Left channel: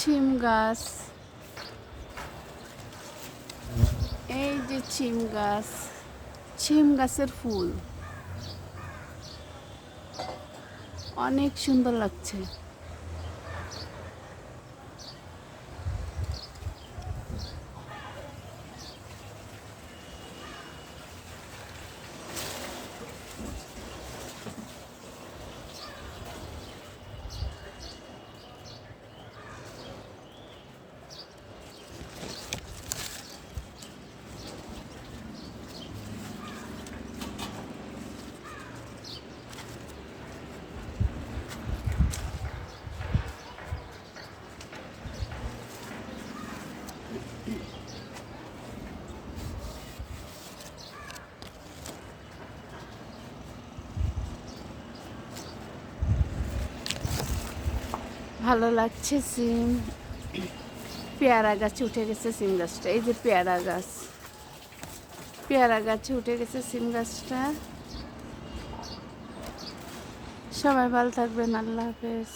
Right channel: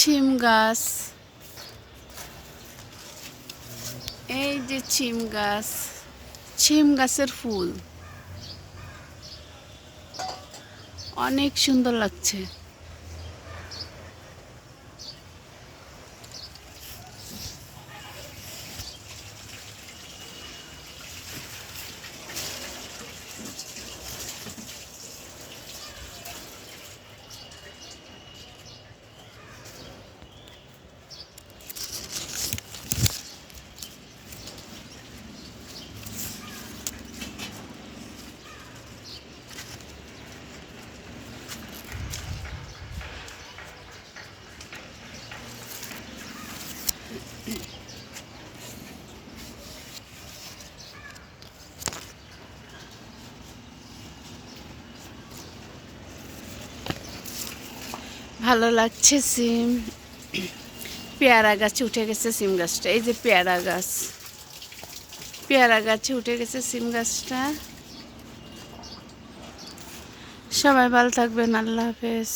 ছিম গাছ। এই যে ছিম গাছ ছিম গাছের ফুল। অনেক সুন্দর লাগছে। ভালো লাগছে সিম। পেয়ারা গাছে উঠে গেছে সিম গাছটা। এই যে পেয়ারা গাছ। পেয়ারা গাছে উঠে গেছে সিম গাছটা। সবাই ভালো থাকবেন, আল্লাহ হাফেজ।